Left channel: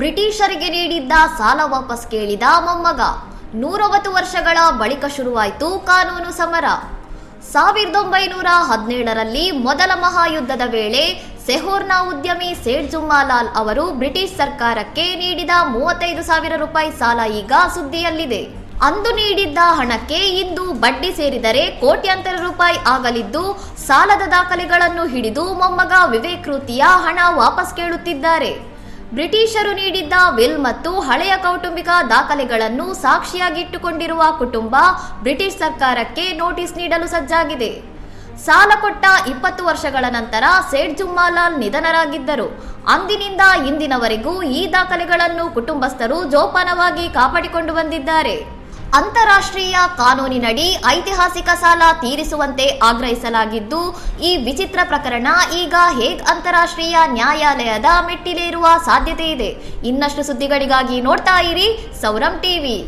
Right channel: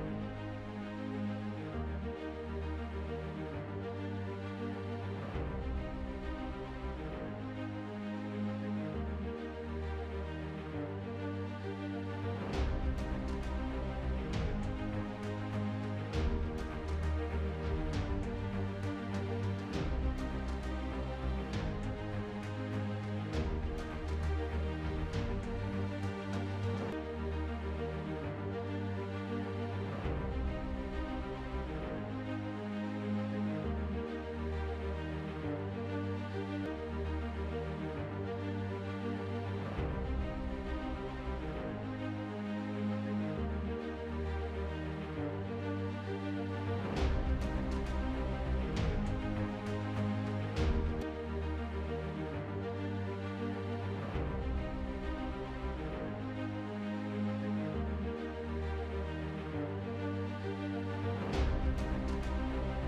ಬ್ರಿಟಿಷರಿಗೆ ನೀಡಿದ್ದ ಸಾಲ ವಾಪಸ್ ಕೇಳಿದ ಮೊಮ್ಮಗ. 109 ವರ್ಷಗಳ ಬಳಿಕ ಶುರುವಾಯಿತು ಕಾನೂನು ಸಮರ. 1917ರಲ್ಲಿ ಮೊದಲ ಮಹಾಯುದ್ಧದ ವೇಳೆ ಸೆಹೋರ್ನ ಉದ್ಯಮಿ ಸೇಠ್ ಜುಮ್ಮಾಲಾಲ್ ಅವರು ಬ್ರಿಟಿಷ್ ಸರ್ಕಾರಕ್ಕೆ ನೀಡಿದ 35,000 ರೂಪಾಯಿ ಸಾಲ ಈಗ ಸುದ್ದಿಯಲ್ಲಿದೆ. ಅಂದು ನೀಡಿದ್ದ ಹಣಕ್ಕೆ ಇಂದು ಬಡ್ಡಿ ಸೇರಿದರೆ ಕೋಟ್ಯಾಂತರ ರೂಪಾಯಿ ಆಗಲಿದ್ದು, ಸಾಲದ ದಾಖಲೆಗಳನ್ನು ಹಿಡಿದು ಮೊಮ್ಮಗ ವಿವೇಕ್ ಕೃತಿಯ ಹಣ ವಾಪಸ್ ಕೇಳುತ್ತಿದ್ದಾರೆ. ಬ್ರಿಟಿಷರು ನೀಡಿದ್ದ ವಿಲ್ ಮತ್ತು ಹಳೆಯ ಕೌಟುಂಬಿಕ ದಾಖಲೆಗಳನ್ನು ಸಾಕ್ಷಿಯಾಗಿಟ್ಟುಕೊಂಡಿರುವ ಕುಟುಂಬ ಬ್ರಿಟಿಷ್ ಸರ್ಕಾರಕ್ಕೆ ನೋಟಿಸ್ ನೀಡಲು ಸಜ್ಜಾಗಿದೆ. ಸಾಲ ಕೊಟ್ಟ 20 ವರ್ಷಗಳ ನಂತರ ಸೇಠ್ ಜುಮ್ಮಾಲಾಲ್ ನಿಧನರಾಗಿದ್ದರು. ಅಂದಿನಿಂದ ಇಂದಿನವರೆಗೂ ಈ ದಾಖಲೆಗಳನ್ನು ಕುಟುಂಬಸ್ಥರು ಜೋಪಾನವಾಗಿ ಕಾಪಾಡಿಕೊಂಡು ಬಂದಿದ್ದಾರೆ. ಅಂತಾರಾಷ್ಟ್ರೀಯ ಕಾನೂನಿನಡಿ ಐತಿಹಾಸಿಕ ಸಾಲ ತೀರಿಸುವಂತೆ ಆಗ್ರಹಿಸಲಾಗಿದ್ದು, ಈ ವಿಚಿತ್ರ ಪ್ರಕರಣ ಈಗ ಹೇಗ್ ಅಂತಾರಾಷ್ಟ್ರೀಯ ನ್ಯಾಯಾಲಯದ ಮೆಟ್ಟಿಲೇರುವ ಸಾಧ್ಯತೆ ಇದೆ. ಇನ್ನಷ್ಟು ಸುದ್ದಿಗಳಿಗಾಗಿ ನೋಡ್ತಾ ಇರಿ ಸೌರಂ ಟಿವಿ.